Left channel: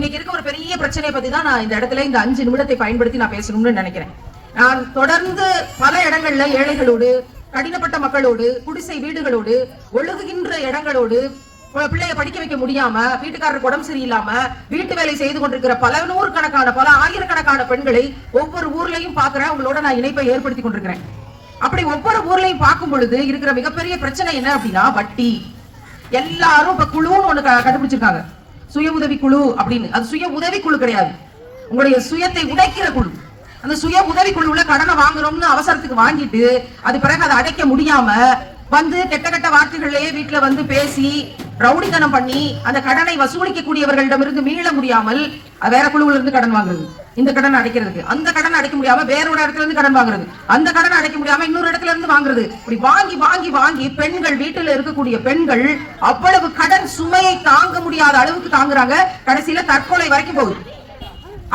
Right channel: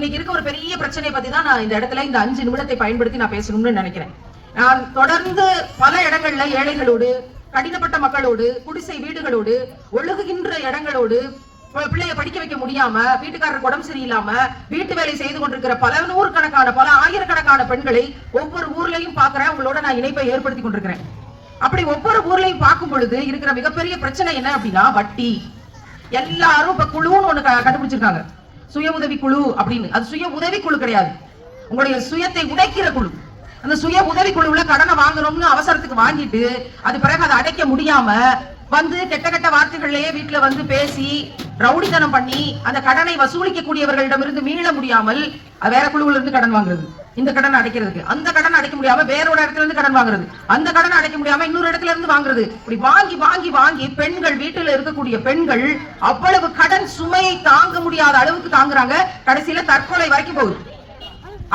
இன்னைக்கு இருக்க ஒரு பெரிய பிரச்சனை பத்தி தான் நான் இந்த இடத்துல இந்த அஞ்சு நிமிடத்தை பயன்படுத்தி நான் பேசணும்னு நினைக்கிறேன். நான் தொடர்ந்து பல இடங்கள்ல ஏழைகளோடு கடினப்பட்ட மக்களோடு குடிசை வீடுகளோடு ஒழுகுகின்ற இடங்களோடு பிள்ளைய படிக்க வைக்க முடியாம வீட்டுக்காரருக்கு உடம்பு சரியில்லாம வீட்டு வேலை செய்து கொண்டிருக்கிற பல நூறு கணக்கான பல ஆயிரக்கணக்கான பெண்களை ஒவ்வொரு ஊர்லயும் பாக்குறேன் உங்களோட நான் இணைப்பை ஏற்படுத்தி கொண்டிருக்கிறேன். அப்படி ஒவ்வொரு ஊர்லயும் பார்க்கும் பொழுது இருக்கிற மிகப்பெரிய பிரச்சனை என்ன அப்படின்னா வட்டி. எல்லாரும் இப்ப குழுவும் ஒண்ணு கண்டுபிடிச்சிருக்காங்க. சுய உதவி குழு அப்படின்னு. அது சுய உதவி குழு கிடையாது. உங்களுடைய சுயத்தை உடைக்கிற குழு. அந்த சுய உதவி குழுவுல கடனை வாங்கணும்னு அவசரத்துக்கு வாங்கிட்டு அது பிறகு அதை அடைக்க முடியாம வந்து கெட்ட கெட்ட வார்த்தைகள்லயே வீட்டுல வந்து பேசி ரவுடித்தனம் பண்ணி அந்த கடனை வசூலிக்க கூடியவர்களிடமிருந்து மீள முடியாமல் வேற குழுவுல இருந்து கடன் வாங்குறது. இந்த கடன் அடைக்கிறதுக்கு. அந்த கடன் அடைக்க முடியாம வேறோட இடத்துல இருந்து கடன் வாங்குறது. அந்த கடன் அடைக்க முடியாம இன்னொரு இடத்துல இருந்து வாங்குறது. இப்படி வாங்கி வாங்கி வாங்கி பெண்கள் வீட்டுல இருக்கக்கூடிய பெண்கள் அவ்வளவு கடன் சுமையை தாங்க முடியாத அளவுக்கு தாங்குறாங்க. கடைசியில தற்கொலை வரைக்கும் போகுது.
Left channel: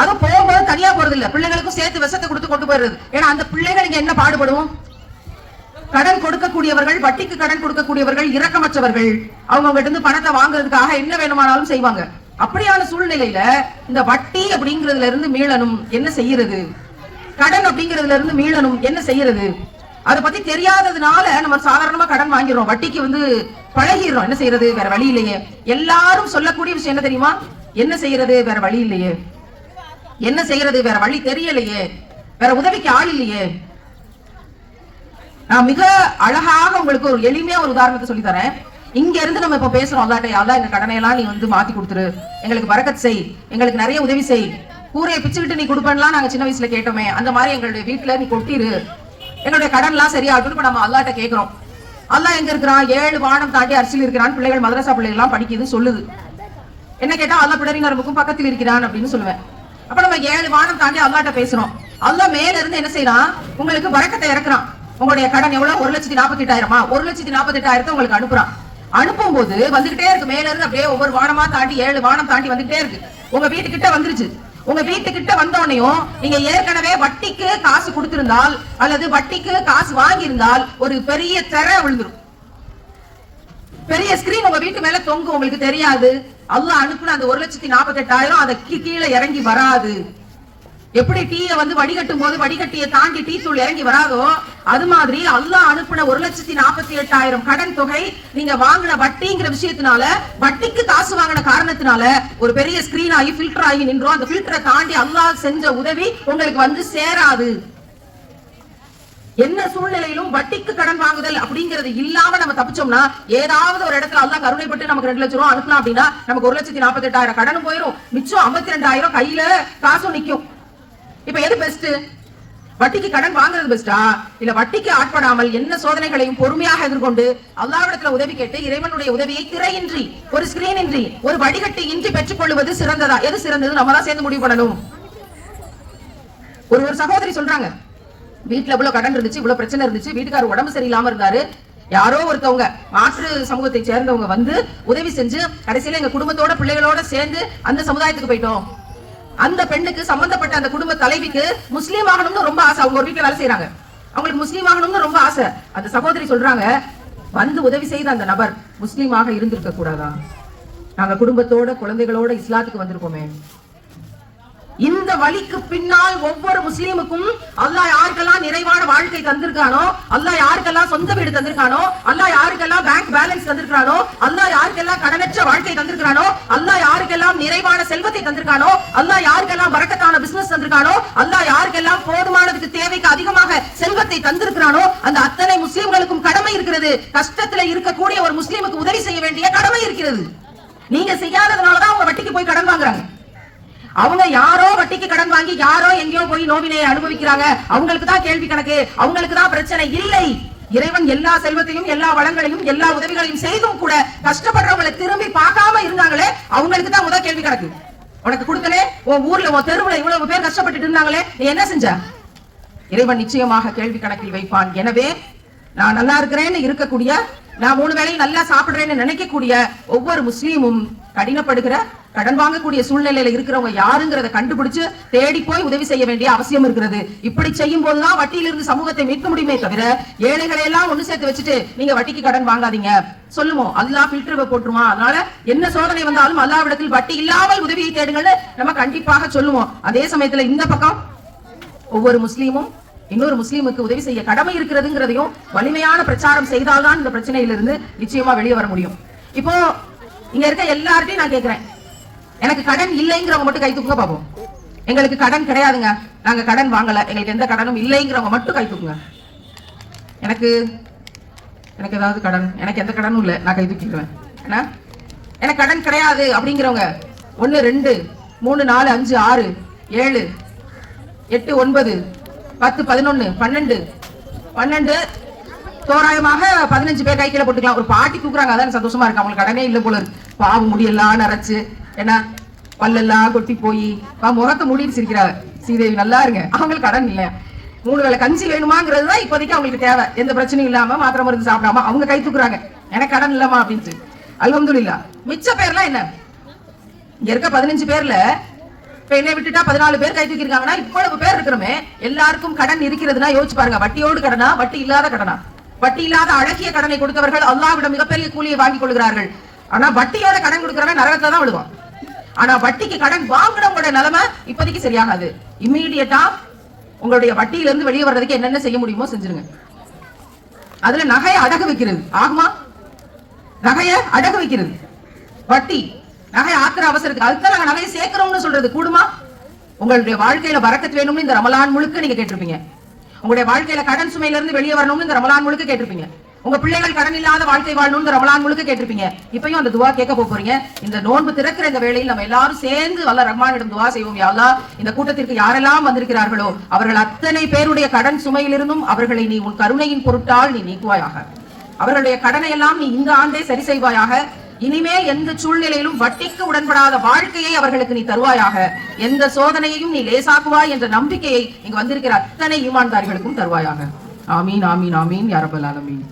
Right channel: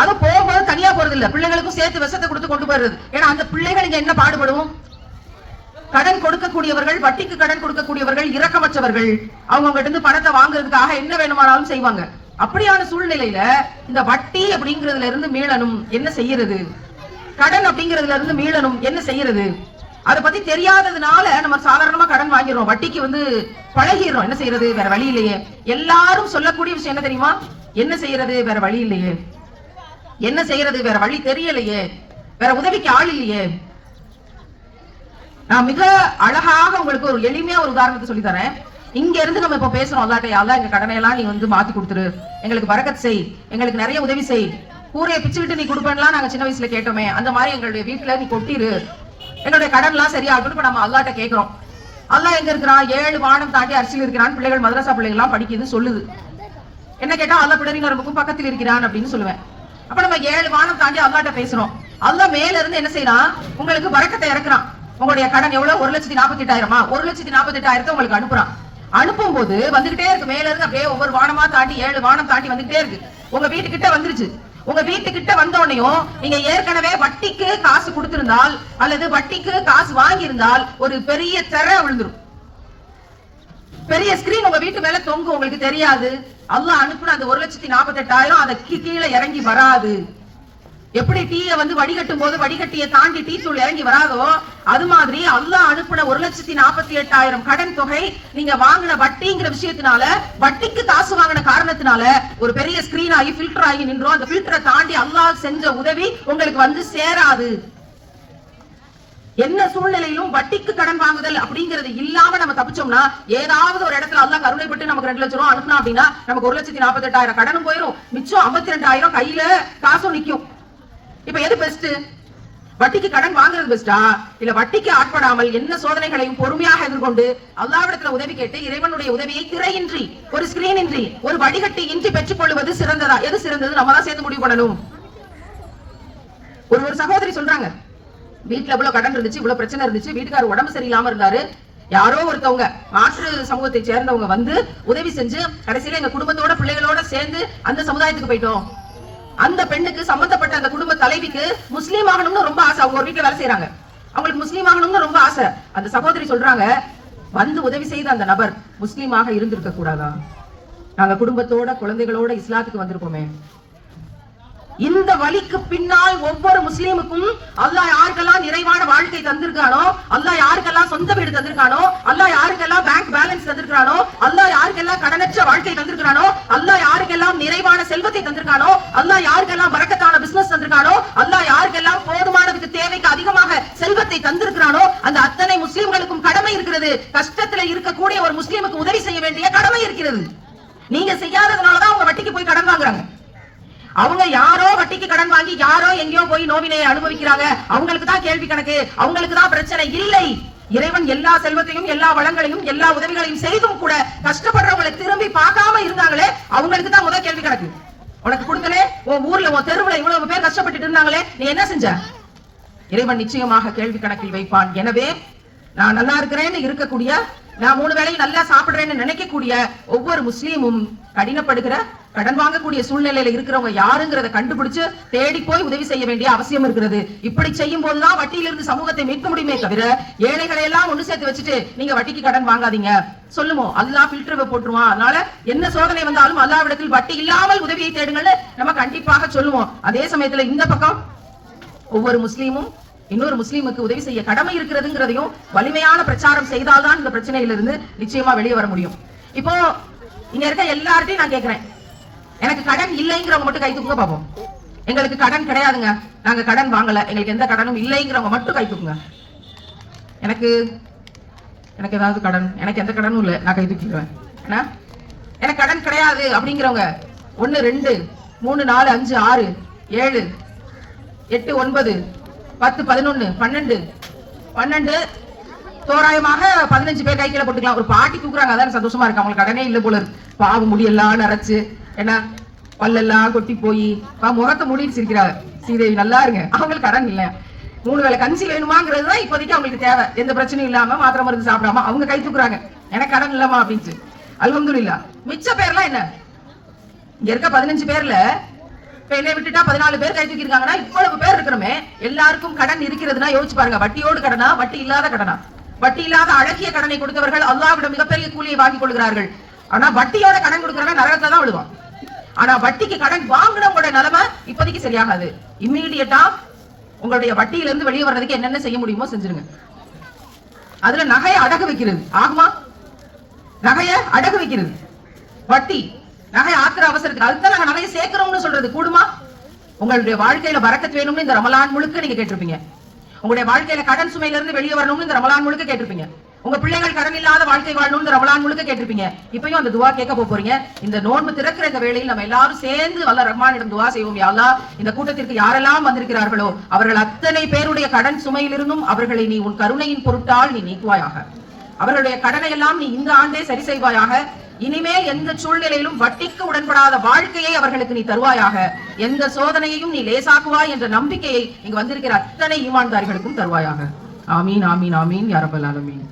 அது போகும்போது தனியா போறது இல்ல பிள்ளைகளுக்கும் சேர்த்து விஷத்தை கொடுத்து கொண்டு போயிருது ஏன்னா அந்த பிள்ளைகளுக்கு என்ன பாடுபடும்? கொடுக்கக்கூடியவர்கள் வட்டிக்கு கடன் கொடுக்கக்கூடியவர்கள் இரக்கமற்றவர்கள் அவங்க கிட்ட இருந்து பணத்தை வாங்குறதுக்காக என்ன வேணுமானாலும் செய்வாங்க. அப்படியான சூழ்நிலையில இந்த வட்டி அப்படிங்கறதுல இருந்து மீளணும் என்ன செய்யறது? கடன் அப்படிங்கறதுல இருந்து மீளணும் என்ன செய்யறது? அதை பத்தி தெரியாததுனால நம்ம சாதாரணமா கடன் வாங்கிடுறோம். வட்டிக்கு வந்து பழகிடுறோம். என்ன செய்யறது? வேற வழி இல்லையே. எல்லாரும் சொல்லக்கூடிய விஷயம் என்ன தெரியுமா? என்ன செய்யறது? வேற வழி இல்லையே. என்ன செய்யறது? வேற வழி தெரியலையே. வேற உதவிக்கு ஆள் இல்லையே. நான் மிக அழகாக உங்களுக்கு ஒரு எளிமையா ஒரு உதாரணத்தை சொல்லி தரேன். இங்க இருந்து நம்ம இப்ப பேசுறோம் அல்லாட்ட யாரா எங்க கடனையெல்லாம் நீ வந்து மாத்தி கொடுத்துரு. எங்களுக்கு வரக்கத் செய். எங்களுக்கு நிறைய உதவி செய். கூரையை பிச்சுக்கிட்டு நீ கொடுப்பேன்லாம் நாங்க சின்ன வயசுல கேட்டோமே. அந்த மாதிரி எங்களுடைய வீட்டுல நீ கொட்டிரு. எங்களுடைய கடன் எல்லாம் சரியாகட்டும். இப்ப நம்ம அல்லாட்ட கேட்கிறோம் அல்லா எங்க இருக்கிறான் ஏழு வானம் தாண்டி அரிசியில் இருக்கிறான் பிள்ளைகள் மதரசா பிள்ளைகள் எல்லாம் படிக்குதுன்னு சொல்லுது. என்ன கேட்டா அல்லா பிடரினருக்கும் பக்கத்தில் இருக்கிறான் அப்படின்னு சொல்லுவேன். அப்ப நம்ம ஏழு வானம் தாண்டி அல்லாட்ட பேசுறோம். அல்லா மேல இருந்து என்ன செய்யறான்? உங்களுக்கு வரக்கத்தை இறக்குறான். உங்களுடைய கடன் எவ்வளவு? ஒரு லட்சத்தி நாற்பத்தி எட்டாயிரமா ஒரு லட்சத்தி நாற்பத்தி எட்டாயிரத்தை உங்களுக்கு அனுப்புறான். அனுப்பும் போது வந்துகிட்டே இருக்கு. மேல இருந்து அப்படியே ஒவ்வொரு வானமா தாண்டி ஏழு வானம் தாண்டி வந்துகிட்டே இருக்கு. உங்க வீட்டுக்கிட்ட வந்துருச்சு. உங்க வீட்டுக்கிட்ட வந்தோடனையும் நீங்க ஏற்கனவே வட்டிக்கு காசு கொடுத்திருந்தால் அல்லது வட்டிக்கு காசு வாங்கியிருந்தால் ஒரு பெரிய திற விழுந்துரும். பெரிய ஸ்கிரீன் உங்க வீட்டு மேல தொங்கும். உங்களுக்கு தெரியாது. அல்லாஹ் அனுப்புன அந்த ஒரு லட்சத்தி நாற்பத்தி எட்டாயிரம் அதை கீ- கீழே இறங்கி வராது. எப்படி டீய வந்து வடிகட்டும் போது வடிகட்டிய தாண்டி டீ தூள் இறங்கி வராதோ அது மாதிரி அல்லாஹ் அனுப்பின ஒரு லட்சத்தி நாற்பத்தி எட்டாயிரம் கடன் தொகை நீங்க வாங்கின வட்டிங்கிற விஷயத்தினால வட்டிக்கு காசு வாங்கின காரணத்தினால ஒரு பெரிய ஸ்கிரீன் ஆகி ஃபில்டர் ஆகி நின்றோம். அந்த ஃபில்டரை தாண்டி அல்லாஹ் செஞ்ச உதவி உங்களுக்கு வந்து சேராது. என்ன சூழ்நிலையிலும் வட்டிக்கு கடன் வாங்குதல் அப்படிங்கறது இல்லாம நம்ம தப்பிச்சோம்னா ஏதாவது ஒரு இடத்துல அல்லா கருணைப்பட்டு நமக்கு ரெண்டு லட்சம் ரூபா அனுப்பினா அப்படின்னா நமக்கு ஒரு லட்சத்தி நாற்பத்தி எட்டாயிரம் கடனும் போயிடும் மிச்சம் ஐம்பத்தி ரெண்டாயிரம் கையில காசும் நிக்கும். இப்ப எது பெஸ்ட் வட்டிக்கு கடன் வாங்குறது பெஸ்டா இல்ல வட்டிக்கு ஆட்படாமல் என்ன சோதனைகளையும் பொறுமையாக எதிர்கொண்டு அல்லாவிடத்துல உதவி கேட்டு இறைவனுடைய உதவியை திரையின்றி ஒரு ஸ்கிரீன் இன்றி ஒரு வடிகட்டி இன்றி பெற்றுக் கொள்வது சிறந்ததா? எது சிறந்தது? நம்ம தான் சேர்ந்து முடிவு பண்ணணும். ஒரு ஒரு சகோதரி சொல்றாங்க வீட்டுல இவ்வளவு கடன் இருந்துச்சு இவ்வளவு பிரச்சனை இருந்துச்சு வீட்டுக்காரர் உடம்பு சரியில்லாம இருந்தாரு. யாரோ ஒருத்தவங்க மாற்று சமூகத்தை சேர்ந்தவங்க வந்து உதவி செஞ்சு கடைசியில எங்க குடும்பத்தோட பிள்ளைகளோட சேர்ந்து அந்த சமுதாயத்துக்கு போயிட்டோம். அந்த பெண்ணுக்கு சம்பந்தப்பட்ட அந்த குடும்ப தலைவிக்கு முஸ்லீம் ஆகணும்னு ரொம்ப ஆசை. அவங்க ஒரு வீட்டுல வேலை செய்யறாங்க அவங்களுக்கு முஸ்லீம் ஆகணும்னு ரொம்ப ஆசை. அந்த சகோதரி சொல்றாங்க வந்து உதவி செய்த அந்த நபர் முஸ்லீமாக இருந்திருக்க கூடாதா? நாங்க குடும்பத்தோட குழந்தைகளோட இஸ்லாத்துக்கு வந்திருக்கோமே. இந்த வழிக்கு பின்னால் ஒவ்வொரு முஸ்லீமுக்கும் அல்லாஹ் யாருக்கெல்லாம் நிறைவான வாழ்க்கை தந்திருக்கானோ அல்லாஹ் யாருக்கெல்லாம் சொந்த வீடு தந்திருக்கானோ அல்லாஹ் யாருக்கெல்லாம் பேங்க் பேலன்ஸ் தந்திருக்கானோ யாருக்கெல்லாம் கடனற்ற வாழ்க்கை தந்திருக்கிறானோ அல்லாஹ் யாருக்கெல்லாம் நிறைவான செல்வத்தை தந்திருக்கானோ அல்லாஹ் யாருக்கெல்லாம் வரக்கத்தான பிசினஸ் தந்திருக்கானோ அல்லாஹ் யாருக்கெல்லாம் போதுமானதுக்கு தேவைக்கு அதிகமாக செல்வத்தை தந்திருக்கிறானோ அந்த அத்தனை முஸ்லிம்களுக்கும் கடமை இருக்கிறது. கஷ்டத்துல இருக்கக்கூடிய ஒரு முஸ்லீமுக்கு உதவி செய்ய வேண்டிய கடமை இருக்கிறது. நீங்க செய்யாததுனாலதான் அவங்க வட்டிக்கு போய் கடன் வாங்குறாங்க. அவங்க யாரோ வட்டிக்கு கடன் வாங்கி யாரோ எங்கேயோ போய் நோவினை அனுபவிக்கிறாங்க. அவங்களுக்கு தான் கேள்வி கணக்கு. அவங்களுக்கு தான் பிரச்சனை இல்லை. இறைவன் எல்லா செல்வத்தையும் எல்லா வளங்களையும் எல்லா உதவிகளையும் செய்தும் கூட கஷ்டப்படுறவங்களை திரும்பி பார்க்காம இருந்தாங்களே அவங்களுக்கு தான் முதல் கேள்வி கிடக்கு. உனக்கு கொடுத்தனே உன் ஊர்ல உன் தெருவுல இவ்வளவு பேர் கஷ்டப்பட்டுட்டு இருந்தாங்களே நீ என்ன செஞ்ச? இறைவன் நிச்சயமாக கேள்வி கணக்கில் வைப்பான். எனவே நான் நல்லா இருக்கிறேன்னு இருக்கக்கூடிய நான் மூணு வேளையும் நல்லா சாப்பிடுறேன்னு நினைக்கக்கூடிய ஒவ்வொரு முஸ்லீமும் கடினப்படுகிற கடன் வாங்கக்கூடிய சூழ்நிலையில இருக்கிறவங்க யாருங்கிறத கண்டுபிடிச்சு தேடி போய் உதவி செய்ய வேண்டிய அவசியம் இருக்கிறது. இப்படி செய்யும் போதுதான் வட்டியிலிருந்து சமூகத்தை மீட்க முடியுமே தவிர ஏழைகளை எல்லாம் ஒண்ணு சேர்த்து வச்சுட்டு நீங்க வட்டிக்கு கடன் வாங்காதீங்க. சொல்லுவோம் அல்லா பில்டர் போட்டுருவான். அதனால என்ன சோதனை வந்தாலும் அல்லாவிடத்தில் வட்டி இல்லாமல் உதவியை தேடுங்கன்னு நம்ம கண்டிப்பாக சொல்லுவோம். அதே சமயத்துல இந்த பக்கம் ஒவ்வொரு முஸ்லீமும் இன்னொரு முஸ்லீமுக்கு உதவி செய்ய கடமை இருக்கிறதுங்கிறதையும் வலிமையான பிரச்சாரம் செய்தால்தான் இந்த பிரச்சனையிலிருந்து நிச்சயமா வெளியே வர முடியும். இப்போ இங்க இருக்க எல்லார்ட்டையும் நான் கேக்குறேன். எனக்கு கடன் இல்லைங்கிறவங்க மட்டும் கை தூக்குங்க பாப்போம். எங்களுக்கு கடன் கிடையாதுங்க. நாங்க கடன் வாங்கல. எங்களுக்கு எந்த கடனும் இல்லைங்கிறவங்க மட்டும் கை தூக்குங்க. எனக்கு எனக்கு ஏதாவது கடன். எனக்கு எந்த கடனும் இல்லை. நான் கை தூக்கிடுவேன். என்ன? எனக்கு கடன் கிடையாது அப்படிங்கிறவங்க. ஒன்று ரெண்டு மூணு நாலு அஞ்சு ஆறு ஏழு எட்டு ஒன்பது பத்து பதினொன்னு பன்னெண்டு. பன்னெண்டு தோராயமாக பதினஞ்சு பேர் கை கீழே போட்டுக்கலாம். ஒரு பாட்டி தூக்குறாங்க. அதான் சந்தோஷமா இருக்கு. அவங்களுக்கு கடனே இல்ல போல இருக்கு. பாவம் முடியெல்லாம் நரைச்சு. என்ன பல்லெல்லாம் கொட்டி போய். முகத்தை மூடிட்டு சிரிக்கிறாங்க. ஸ்ரீதேவி நல்லா இருங்க. அவங்களுக்கு கடன் இல்ல. மூணு வேலை கஞ்சி வேணுமாங்கிறது தான் இப்போதைக்கு அவங்களுக்கு தேவை. எந்த பிரச்சனையும் இல்லாம மாத்திரம் மருந்து சாப்பிடாம அவங்க கை தூக்குறாங்க. எனக்கு கடன் இல்லமா அப்படின்ட்டு. அல்ஹம்துலில்லாஹ் மிச்ச பேர்லாம் என்ன? இங்க இருக்க பதினஞ்சு பேர்ல இப்ப என்னை விட்டுட்டா பதினாலு பேர் கை தூக்கிருக்காங்கன்னா இவ்வளவு பேர் இருக்கிறோமே. எல்லாருக்கும் கடன் இருக்கிறதுனா யோசிச்சு பாருங்க. வட்டியோடு கடனா? வட்டி இல்லாத கடனா? வட்டி இல்லாத அழகிய கடனை கொடுத்தவர்கள் அல்லாவிடம் மிகப்பெரிய கூலியை வாங்கிக் கொள்கிறார்கள். ஆனா வட்டியோட கடன் கொடுக்கறவன் நரகத்தை தான் விடுவான் ஆனா வட்டிக்கு கடன் வாங்குறவங்களோட நிலைமை இப்போதைக்கு சரியாகாது. இம்மீடியட்டா உங்களுடைய வட்டியில இருந்து வெளியே வர்றதுக்கு என்னென்ன செய்ய முடியுமோ செஞ்சிருங்க. அதுல நகையை அடகு வைக்கிறது. ஆகுமா? நகைய அடகு வைக்கிறது. வட்டி நகை ஆக்குற அவசரத்துக்கு அதுதான் நாங்க நகையை சேர்க்கிறோம்னு சொல்றது. கூடுமா? உங்களுடைய வாழ்க்கையில வரக்கத்து வேணும்னு இந்த ரமலான் முழுக்க நீங்க கேட்டிருப்பீங்க. உங்களுடைய வாழ்க்கையில கடன் சுமையில இருந்து வெளியே வரணும்னு இந்த ரமலான் முழுக்க கேட்டிருப்பீங்க. உங்க பிள்ளைகள் கடன் இல்லாத வாழ்க்கை வாழணும்னு ரமலான் முழுக்க கேட்டிருப்பீங்க. இப்பயும் அந்த துவா கேட்க போறீங்க. இந்த நோன்பு திறக்கிற இந்த வேளையில் நம்ம எல்லாரும் சேர்ந்து வல்ல ரஹ்மானிடம் துவா செய்வோம் யா இந்த கூட்டத்திற்கு யாரெல்லாம் வந்திருக்கிறார்களோ அவர்கள் அத்தனை பேருடைய கடன் சுமையிலிருந்தும் அவர்களை நீ உன் கருணையின் பொருட்டால் நீ நீக்குவாயாக. அவர்களுடைய கடனை எல்லாம் நீ இந்த ஆண்டே சரி செய்வாயாக. இனிமேல் எந்த சூழ்நிலையிலும் வட்டிக்கு உடன்படாத வாழ்க்கையை அவர்களுக்கு நீ தருவாயாக. எந்த சோதனையையும் நீ லேசாக்குவாய் என்ற நம்பிக்கையை இங்கு வந்திருக்கிற அத்தனை ஈமான்தாரிகளுக்கும் தருவாயாக. ஆமீன் ஆமீன் ஆமீன் யாரபல் ஆலமீன்.